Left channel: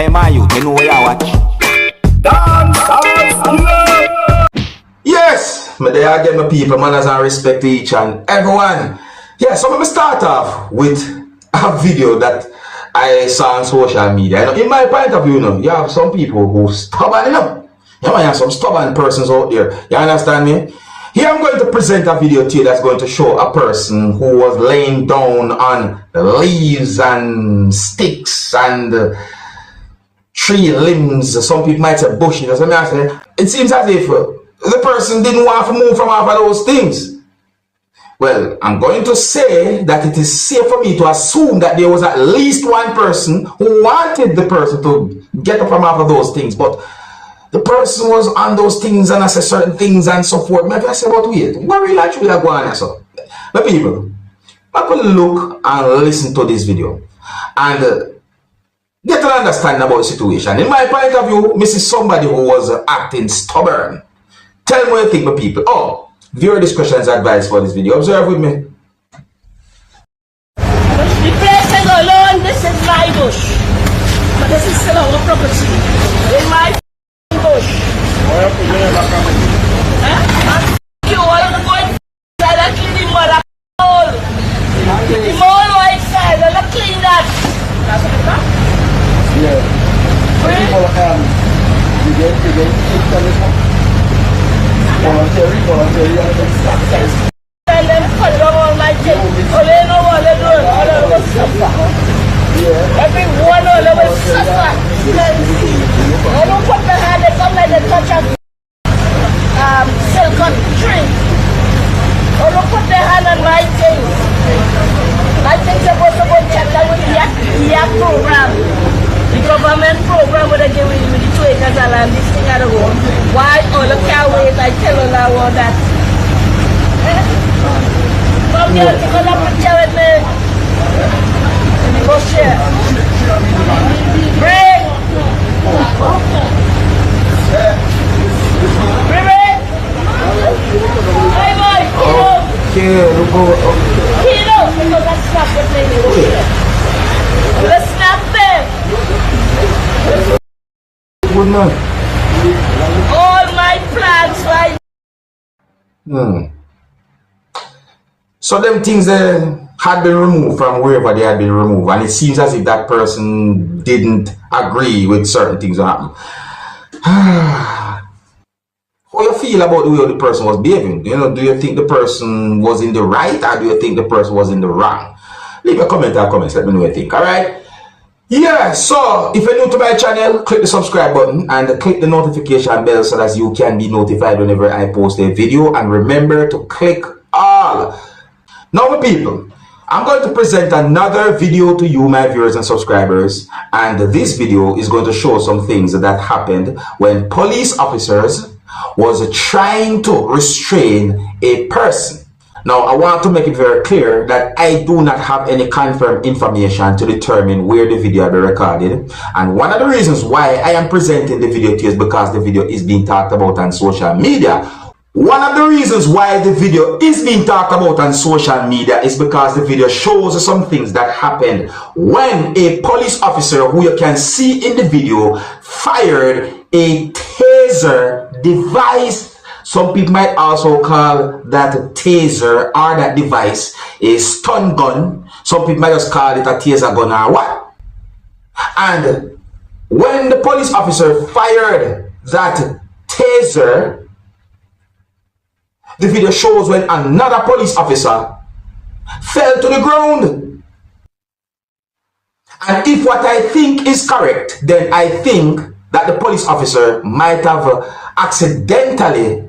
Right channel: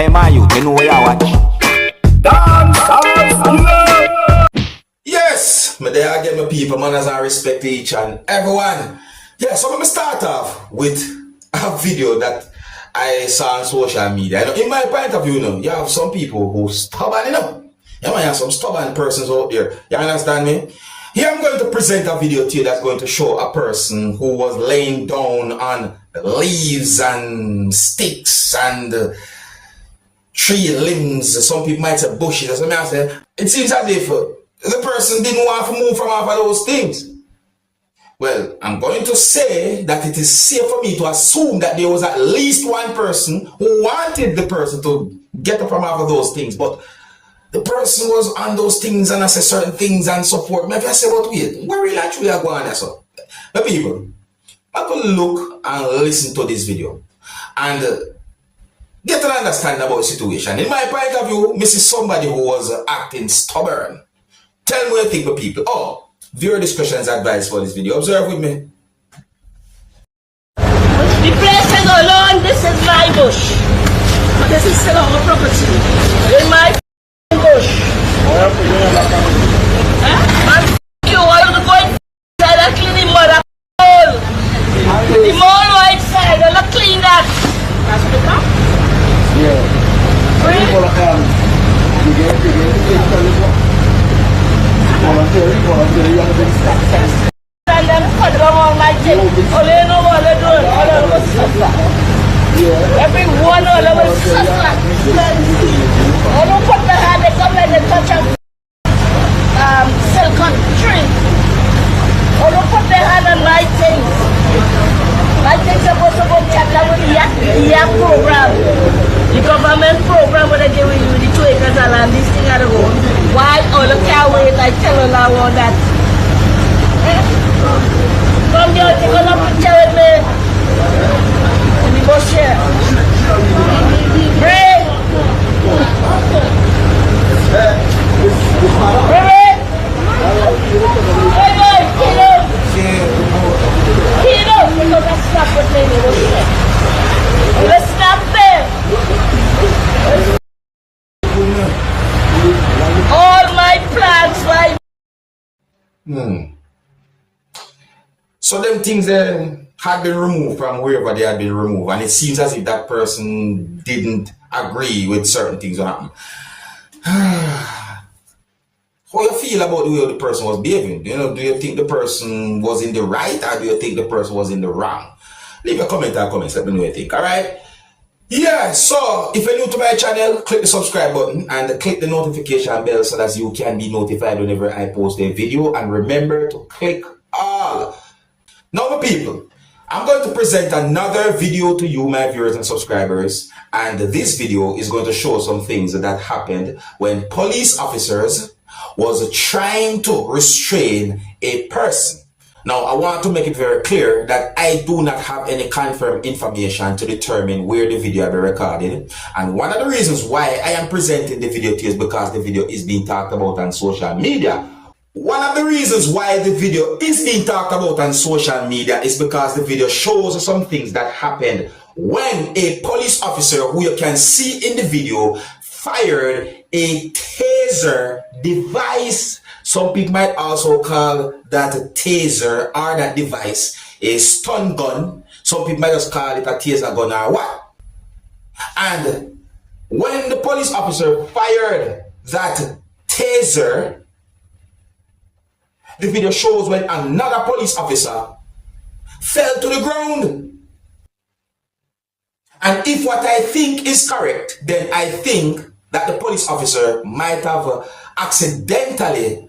Hey man, you know where you watch? Dancehall skilla. Yes, me there I get my people, manners and respect to each and everyone. Yeah, so let me start off with a video that I saw on social media. You know, in my point of view, you have some people who stubborn, you know. You have some stubborn persons out there. You understand me? Here I'm going to present a video to you that's going to show a person who was laying down on leaves and sticks and tree limbs. Some people might say bushes. So I say, it seems as if the person didn't want to move from off of those things. Well, I'm going to say that it is safe for me to assume that there was at least one person who wanted the person to get up from off of those things, but the person was on those things and I said certain things and so forth. Maybe I said, what weird? What really actually are going on? So, but people, I could look and listen to this video and get an understanding about the situation. In my point of view, me see somebody who was acting stubborn. Tell me what you think, my people. Oh, viewer discussion is advice for this video. Observe with me. The place is alone. This is my bush. This is still on the property. In my bush. And you want to go inside and clean the mother hole. The mole outside, and not clean that. And them cut down all my things. All they know what they're doing. All they will suffer. Every one of them will suffer. They don't put their hand, they come like they touch a silicon tree. They don't put their hand on my thing. My thing's supposed to go check that with the YAP program. The government program where they give you the 2 acres of land, this thing had to go. Why all the can't wait? I tell you now all that. Come here, take a picture with me. In the bush here. Bring! Bring it! Hey guys, Kilo! Because I snapped the thing in the bush. Let's snap it! All my plants right. So them things had been removed from wherever they had been removed, and it seems as if that person didn't agree with certain things that happened. How you feel about the way the person was behaving? You know, do you think the person was in the right, or do you think the person was in the wrong? Leave a comment or comments, let me know what you think, alright? Yeah, so if you're new to my channel, click the subscribe button and click the notification bell so that you can be notified whenever I post a video, and remember to click all. Now my people, I'm going to present another video to you, my viewers and subscribers, and this video is going to show some things that happened when police officers was trying to restrain a person. Now, I want to make it very clear that I do not have any confirmed information to determine where the video will be recorded. And one of the reasons why I am presenting the video to you is because the video is being talked about on social media. One of the reasons why the video is being talked about on social media is because the video shows some things that happened when a police officer, who you can see in the video, fired a taser device. Some people might also call that a taser or that device a stun gun. Some people might just call it a taser gun or what. And when the police officer fired that taser, the video shows when another police officer fell to the ground. And if what I think is correct, then I think that the police officer might have accidentally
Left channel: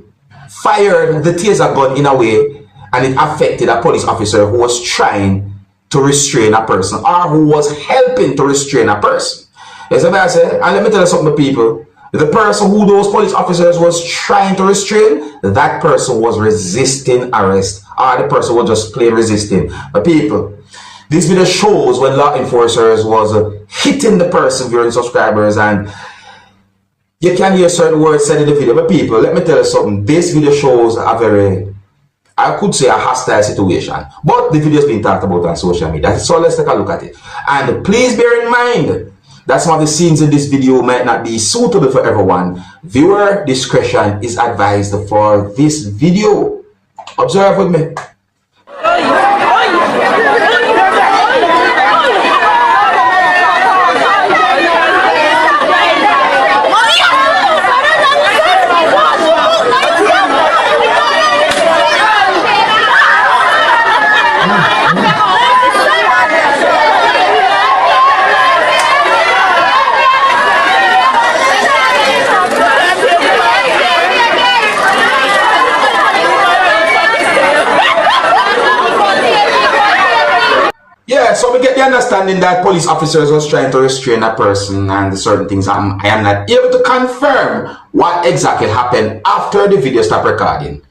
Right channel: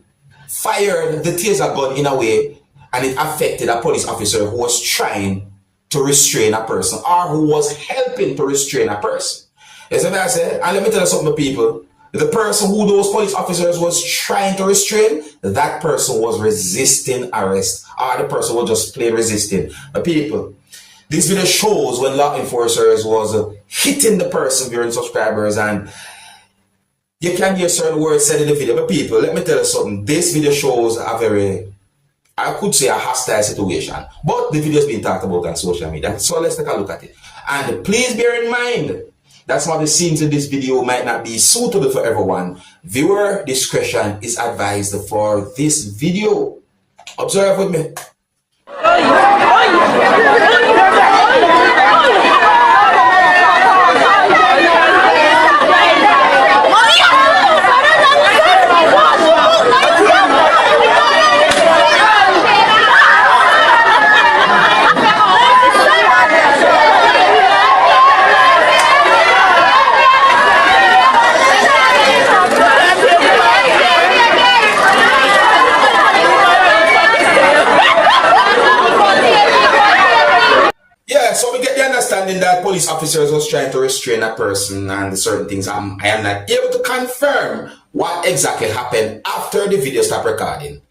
fired the taser gun in a way and it affected a police officer who was trying to restrain a person or who was helping to restrain a person. Yes, what I say? And let me tell you something, people. The person who those police officers was trying to restrain, that person was resisting arrest, or the person was just plain resisting. But people, this video shows when law enforcers was hitting the person, viewing subscribers, and you can hear certain words said in the video. But people, let me tell you something. This video shows a very, I could say, a hostile situation. But the video is being talked about on social media. So let's take a look at it. And please bear in mind that some of the scenes in this video might not be suitable for everyone. Viewer discretion is advised for this video. Observe with me. Understanding that police officers was trying to restrain a person and certain things. I am not able to confirm what exactly happened after the video stopped recording.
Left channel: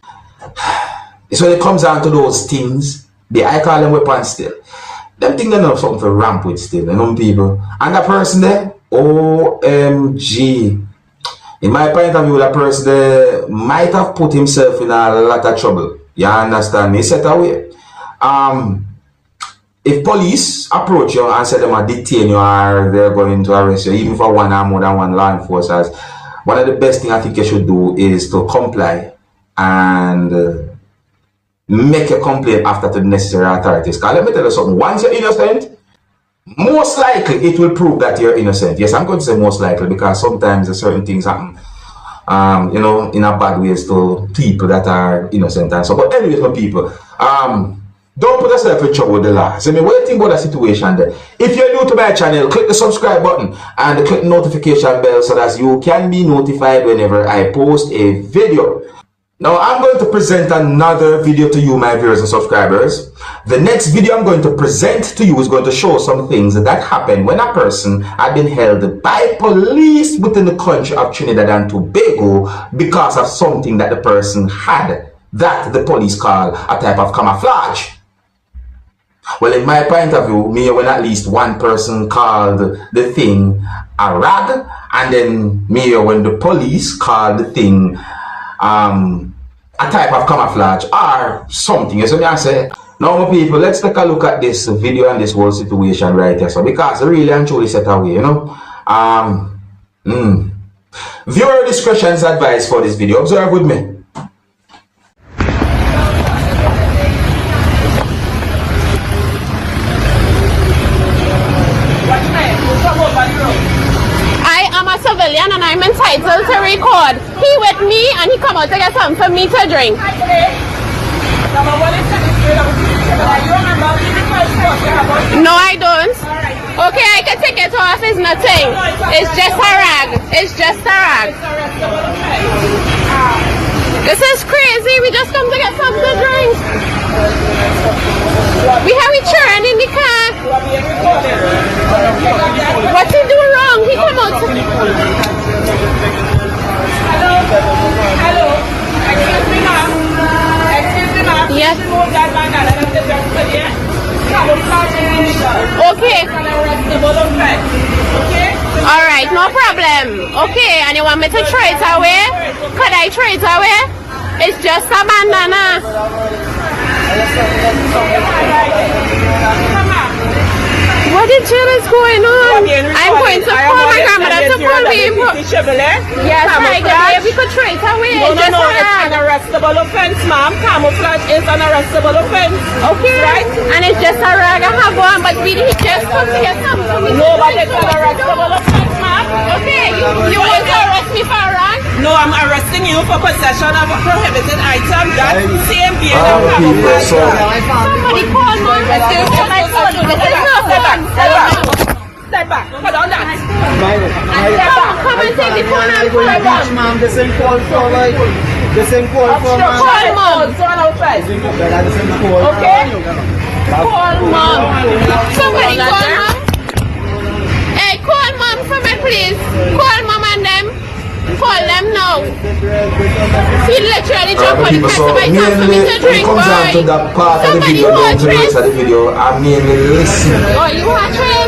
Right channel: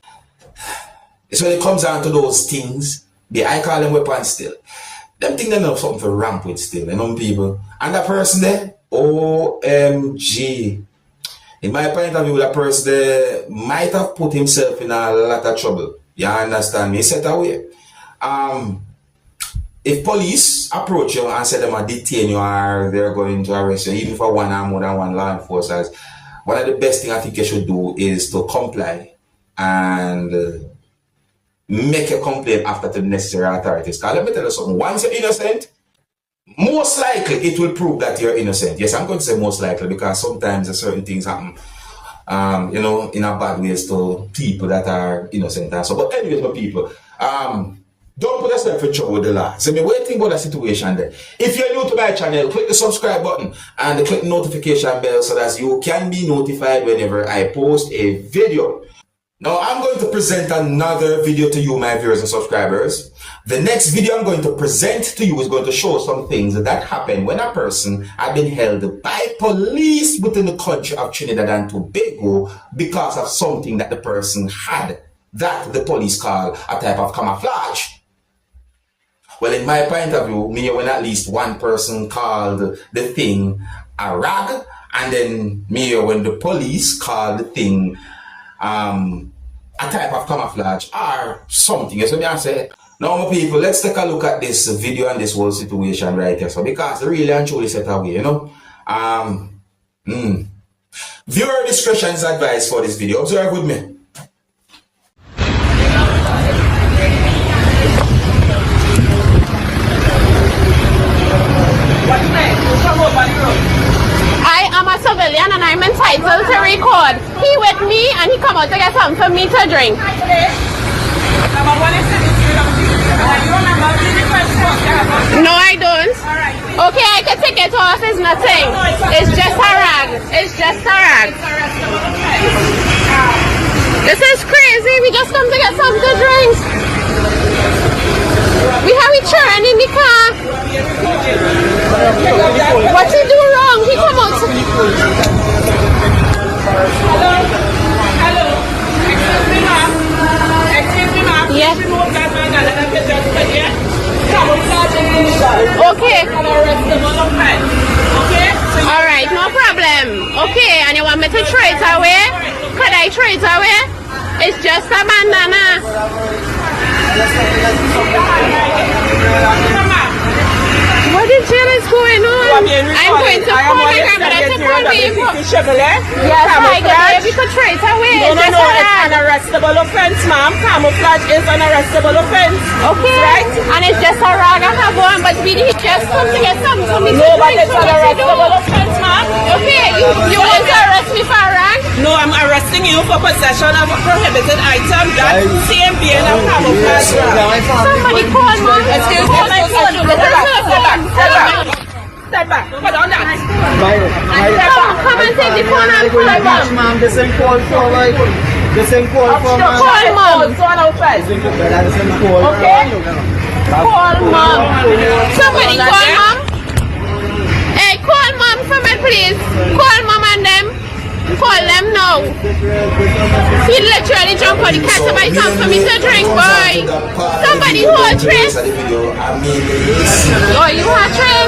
So when it comes down to those things, I call them weapons still. Them things they know something to ramp with still, you know people. And that person there, OMG. In my point of view, that person there might have put himself in a lot of trouble. You understand me? Set away. If police approach you and say them are detain you or they're going to arrest you, even for one or more than one law enforcers, one of the best things I think you should do is to comply and make a complaint after to the necessary authorities. Because let me tell you something, once you're innocent, most likely it will prove that you're innocent. Yes, I'm going to say most likely because sometimes certain things happen, you know, in a bad ways to people that are innocent and so. But anyways, for people, don't put yourself in trouble with the law. So, what do you think about the situation there? If you're new to my channel, click the subscribe button and click the notification bell so that you can be notified whenever I post a video. Now, I'm going to present another video to you, my viewers and subscribers. The next video I'm going to present to you is going to show some things that happened when a person had been held by police within the country of Trinidad and Tobago because of something that the person had that the police call a type of camouflage. Well, in my point of view, me when at least one person called the thing a rag, and then me when the police called the thing a type of camouflage or something. So I say, now people, let's take a look at this video and this whole situation right here. So because really and truly set away, you know. Viewer discretion is advised for this video. Observe with me. I am a civilian and I'm entitled to record. He with me and he come out to get something for me to drink. No, I don't. Okay, I can take it off. It's nothing. It's just a rag. It's just a rag. This is crazy. We just come to get something to drink. We have a churn in the car. What he do wrong? He come out. Hello. Excuse me, ma'am. Yes. Okay. All right, no problem. Okay, and you want me to throw it away? Could I throw it away? It's just a bandana. What the hell is going on? I'm going to call my grandmother to police. Yes, I got you could throw it away. No, it's an arrestable offense, ma'am. Camouflage is an arrestable offense. Okay, right? And it's just a rag and a gun, but we need just come to get something to me. No, that is an arrestable offense, ma'am. Okay, you want to arrest me for a rag? No, I'm arresting you for possession of a prohibited item. That's same being a camouflage. Somebody call me. Excuse me, my phone. Step back. Put on that. Come and take the phone and pull it back. Ma'am, this is call for like this is call for ma'am. Call mom. Okay? Call mom. Somebody call mom. Hey, call mom for me, please. Call mom and them. Call them now. He literally jumped on the car. Somebody come for me to drink, boy. Somebody hold Trace. I mean, listen. Oh, you want Trace?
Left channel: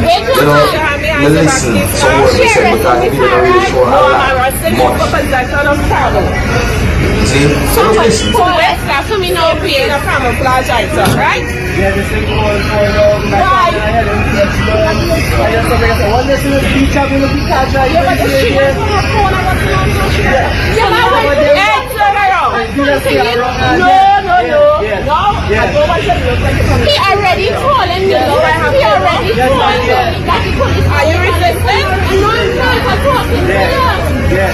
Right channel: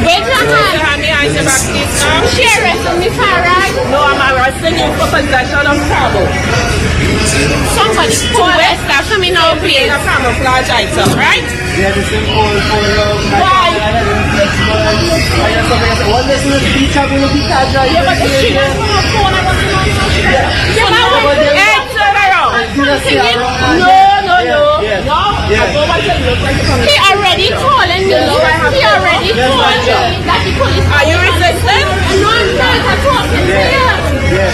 Wait till man. Share it with me, alright? No, I'm sending you for possession of trouble. Show me now, please. Camouflage item, right? Yeah, the same call for love. My father, I had a speech, but I just something I said, one lesson of speech, I've been looking at drivers here. Do that see around now. Yeah. He already told him. He already told him. Are you resistant? No, I'm not. I told him. Yeah.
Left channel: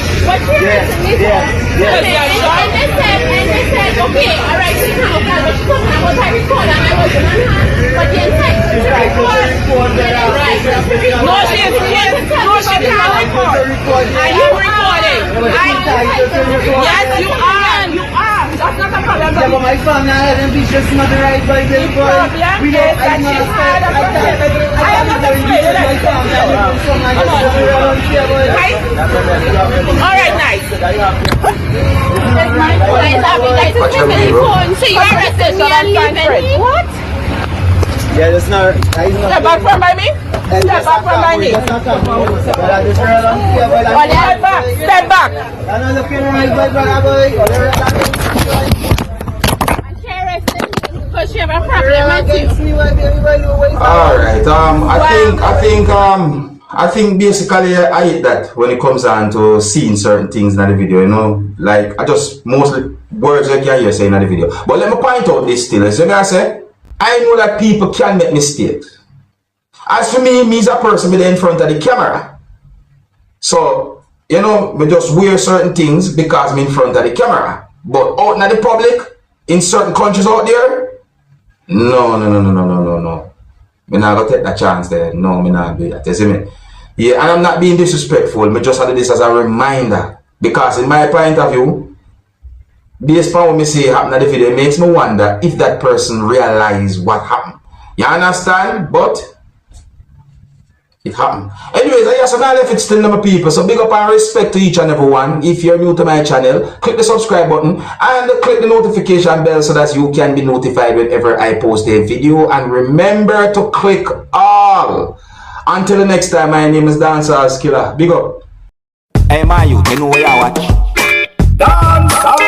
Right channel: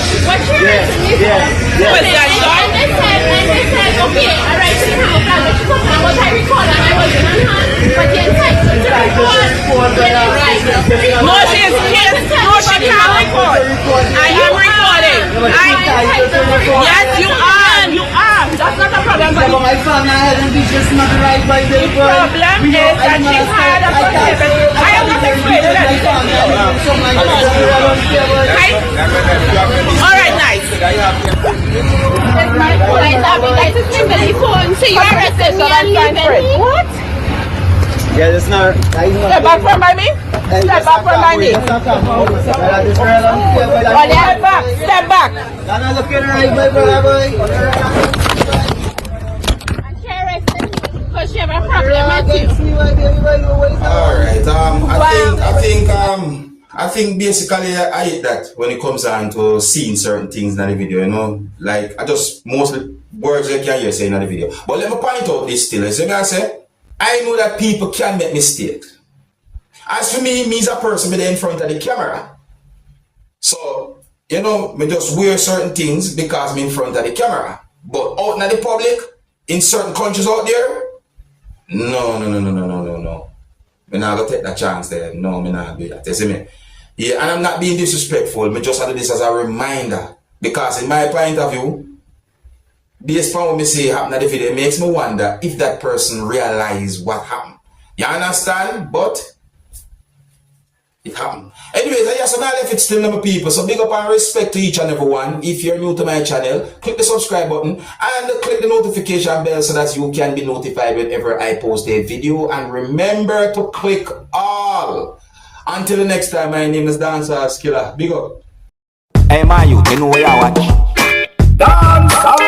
And they said, okay, all right, so I was coming, I was very cold, and I was in a line, but they said, No, she's report. Are you recording? Yes, you are. That's not the problem. Yeah, but my family hasn't been just not the right by the boy. We don't, I can't be because my family I don't so much just around here, but All right, nice. What? yeah, that's not. Step back from by me. Step back from by me. Step back. Step back. I'm looking right by boy. Because she have a problem, I think. Alright, I think basically I hate that when it comes on to seeing certain things in the video, you know, like I just mostly words I can hear saying in the video. But let me point out this still, as you guys say, I know that people can make mistakes. As for me as a person with in front of the camera. So, you know, we just wear certain things because I'm in front of the camera. But out in the public, in certain countries out there, no. Me not gonna take that chance there. No, me not do that. You see me? Yeah, and I'm not being disrespectful. Me just had this as a reminder. Because in my point of view, based on what me see happen in the video, it makes me wonder if that person realized what happened. You understand? But it happened. Anyways, I just left it still my people. So big up and respect to each and every one. If you're new to my channel, click the subscribe button and click the notification bell so that you can be notified whenever I post a video. And remember to click all. Until the next time, my name is Dancehall Skilla. Big up. Hey, my youth, you know where I watch? Dancehall.